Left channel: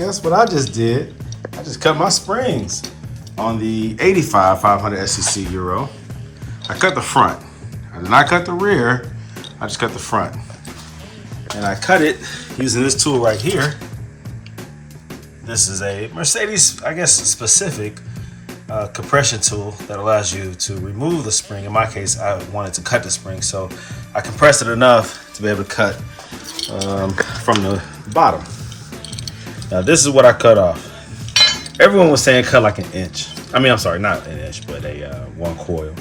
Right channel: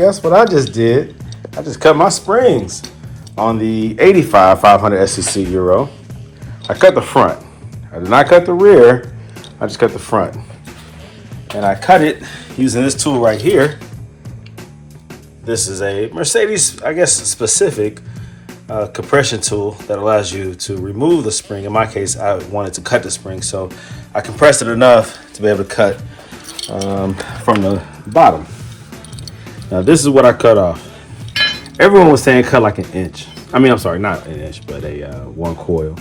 guess what I just did? I just cut my springs on the 85 500 SEC Euro. I cut the front. I did not cut the rear. I just cut the front. And I cut it using this tool right here. This is a Mercedes, I guess, specific compression tool that allows you to remove the spring. In my case, I wanted to cut the spring, so I compressed it enough to be able to cut from the bottom. Now this is what I cut off. Everyone was saying cut like an inch. I mean, I'm sorry, not an inch, but a 1 coil.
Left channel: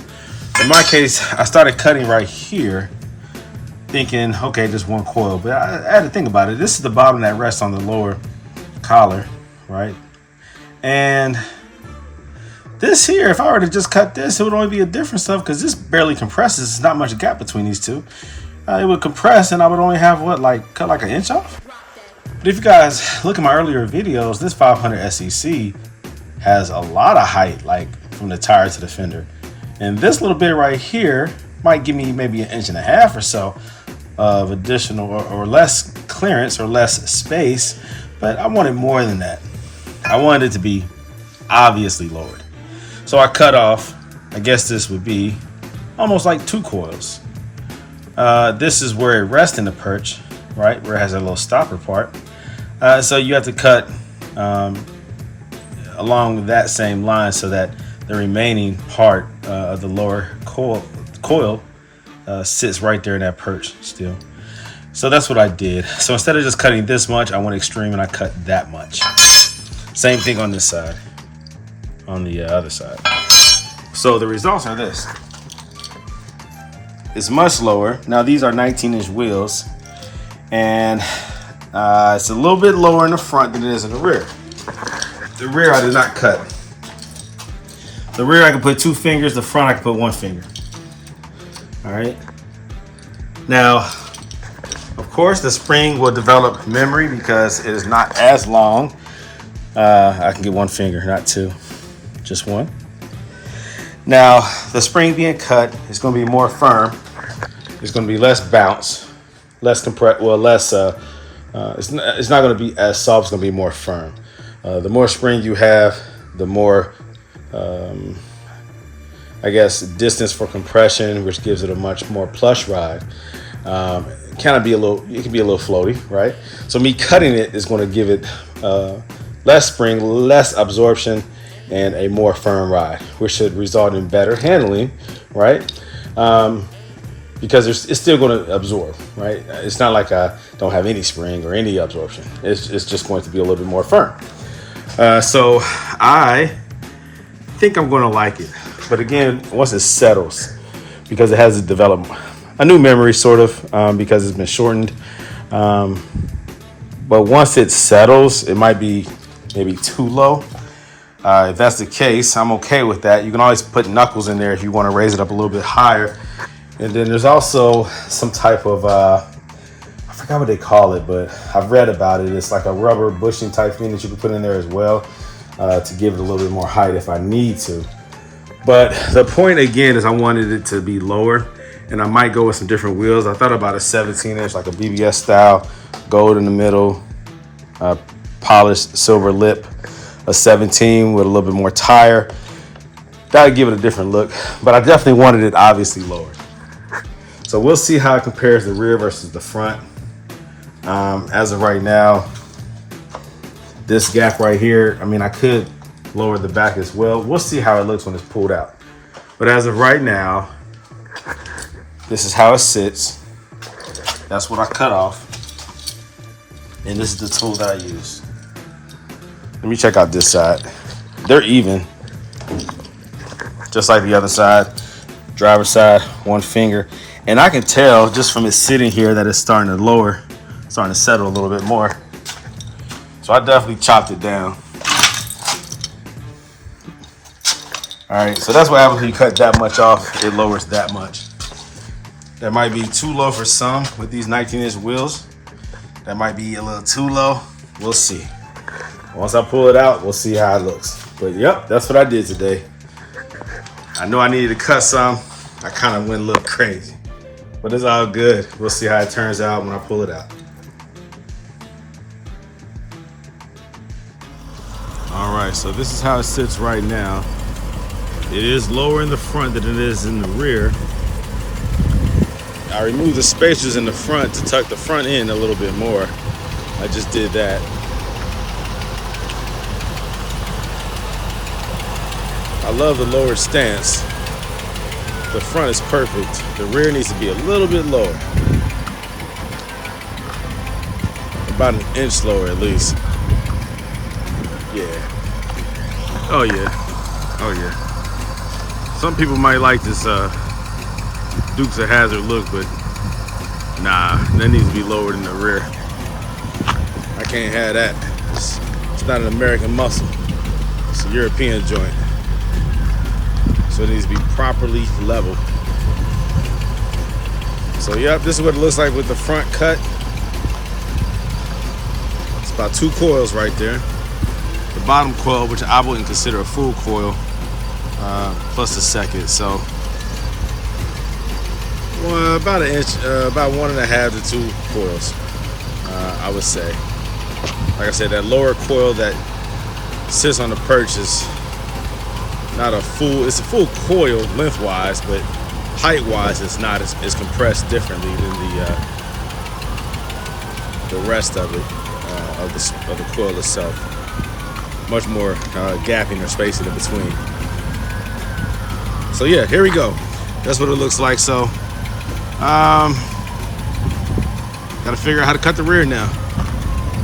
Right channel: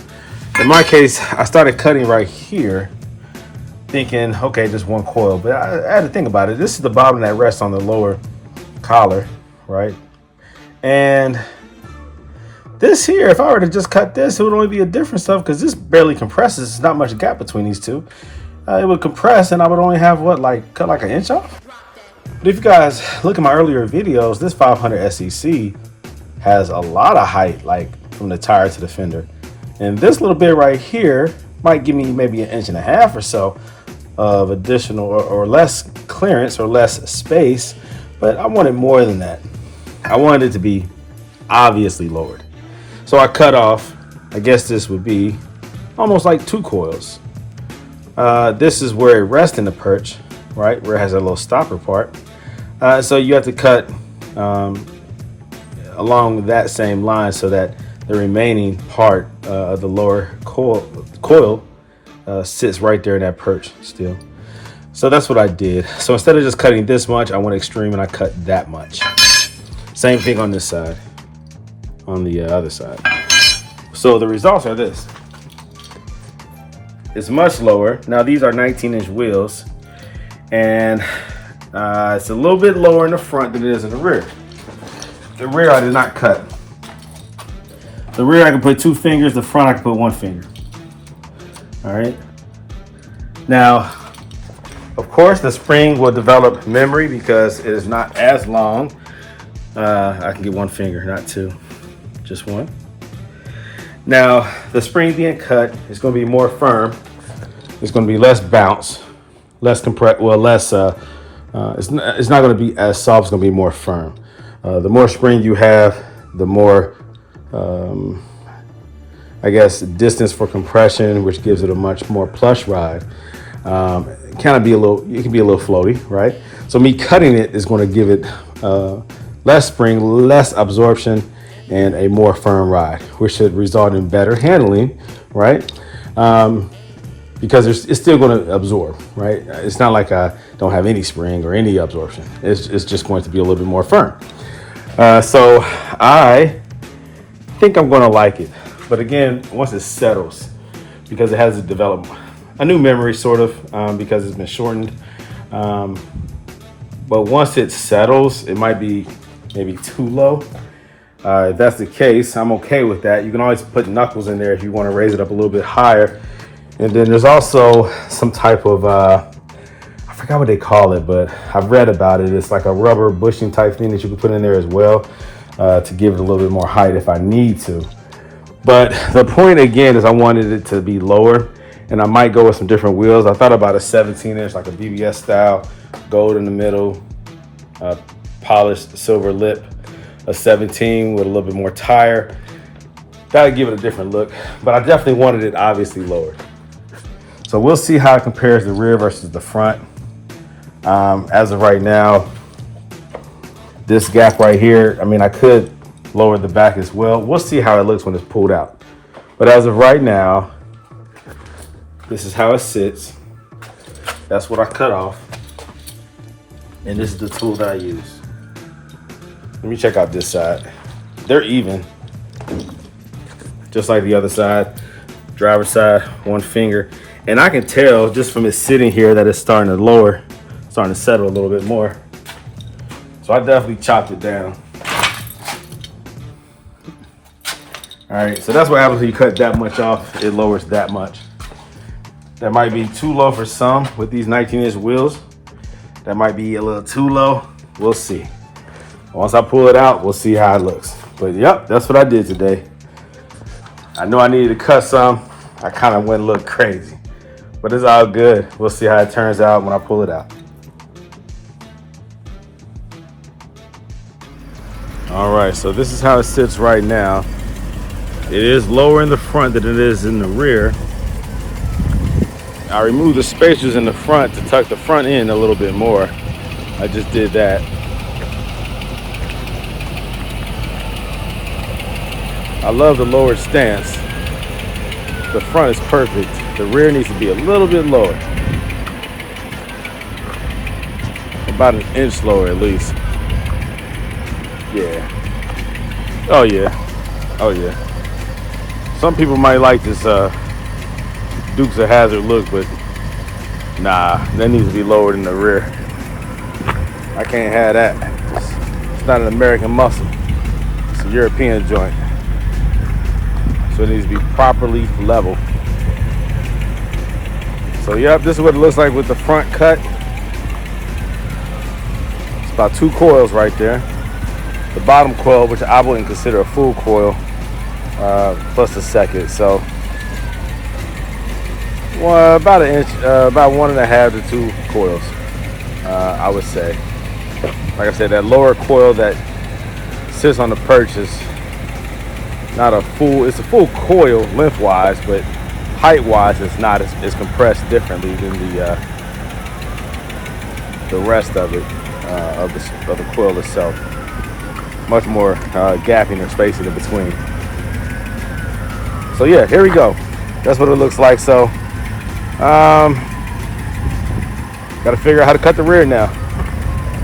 In my case, I started cutting right here, thinking, okay, just 1 coil. But I had to think about it. This is the bottom that rests on the lower collar, right? And this here, if I were to just cut this, it would only be a different stuff because this barely compresses. There's not much gap between these two. It would compress and I would only have what, like cut like an inch off? But if you guys look at my earlier videos, this 500 SEC has a lot of height, like from the tire to the fender. And this little bit right here might give me maybe 1.5 inches or so of additional or less clearance or less space, but I wanted more than that. I wanted it to be obviously lowered. So I cut off, I guess this would be almost like 2 coils. This is where it rests in the perch, right? Where it has a little stopper part. So you have to cut along that same line so that the remaining part of the lower coil sits right there in that perch still. So that's what I did. So instead of just cutting this much, I went extreme and I cut that much. Same thing on this side, on the other side. So the results are this. It's much lower. Now these are 19-inch wheels, and it's a little bit lower in the front than it is in the rear. The rear I did not cut. The rear I can put 2 fingers, the front I can put 1 finger. All right. Now, of course, the spring will develop memory because it is not as long. I can get 1 finger, not 2, just 1. Now, the spring being cut is going to be more firm. There's going to be less bounce, less compress. Well, less. It's not going to be as soft. It's going to be more firm. The more spring you have, the more, I guess, distance for compression, which gives it a much more plush ride. Kind of be a little. It can be a little floaty, right? So me cutting it is going to give it less spring, less absorption, and a more firm ride, which should result in better handling, right? Because it's still going to absorb, right? It's not like I don't have any spring or any absorption. It's just going to be a little bit more firm. So I think I'm going to like it. But again, once it settles, because it has to develop a new memory sort of, because it's been shortened. But once it settles, it might be maybe too low. If that's the case, I'm okay with that. You can always put knuckles in there if you want to raise it up a little bit higher. And then there's also some type of, I forgot what they call it, but I've read about it. It's like a rubber bushing type thing that you can put in there as well to give it a little bit more height if I need to. But the point again is I wanted it to be lower, and I might go with some different wheels. I thought about a 17-inch, like a BBS style, gold in the middle, polished silver lip, a 17 with a little bit more tire. That'd give it a different look, but I definitely wanted it obviously lowered. So we'll see how it compares the rear versus the front. As of right now, this gap right here, I mean, I could lower the back as well. We'll see how it looks when it's pulled out. But as of right now, this is how it sits. That's what I cut off. And this is the tool that I use. Let me check out this side. They're even, just like the other side. Driver's side, 1 finger. And I can tell just from it sitting here that it's starting to lower, starting to settle a little bit more. So I definitely chopped it down. All right, so that's what happens when you cut that much off, it lowers that much. That might be too low for some with these 19-inch wheels. That might be a little too low. We'll see. Once I pull it out, we'll see how it looks. But yep, that's what I did today. I know I needed to cut some. I kind of went a little crazy, but it's all good. We'll see how it turns out when I pull it out. All right, so this is how it sits right now. It is lower in the front than it is in the rear. I removed the spacers in the front to tuck the front in a little bit more. I just did that. I love the lowered stance. The front is perfect. The rear needs to be a little bit lower. About an inch lower at least. Yeah. Oh yeah. Oh yeah. Some people might like this Dukes of Hazzard look, but nah, that needs to be lowered in the rear. I can't have that. It's not an American muscle. It's a European joint. So it needs to be properly level. So yep, this is what it looks like with the front cut. It's about 2 coils right there. The bottom coil, which I wouldn't consider a full coil, plus the second. So well, about an inch, about 1.5 to 2 coils, I would say. Like I said, that lower coil that sits on the perch is not a full, it's a full coil lengthwise, but height-wise it's not, it's compressed differently than the rest of it, of the coil itself. Much more gapping or spacing in between. So yeah, here we go. That's what it looks like. So gotta figure out how to cut the rear now.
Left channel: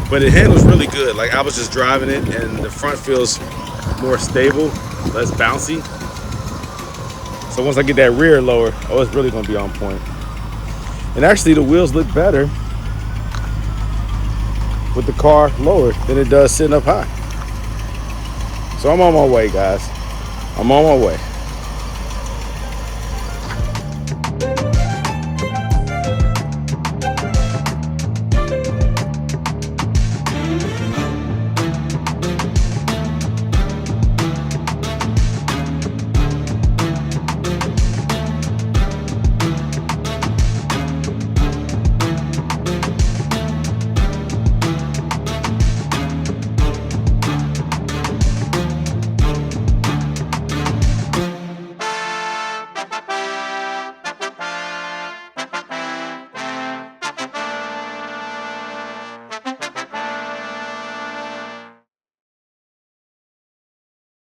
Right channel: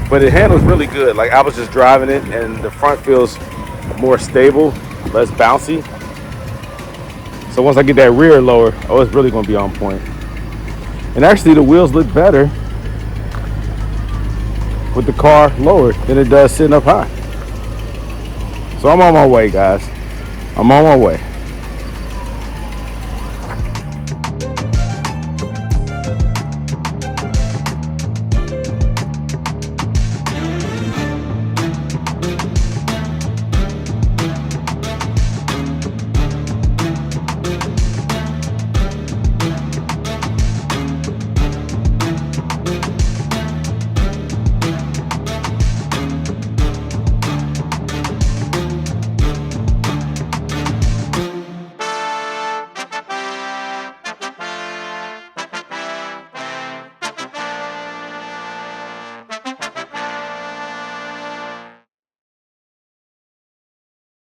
But it handles really good. Like I was just driving it and the front feels more stable, less bouncy. So once I get that rear lower, oh, it's really gonna be on point. And actually the wheels look better with the car lowered than it does sitting up high. So I'm on my way, guys. I'm on my way.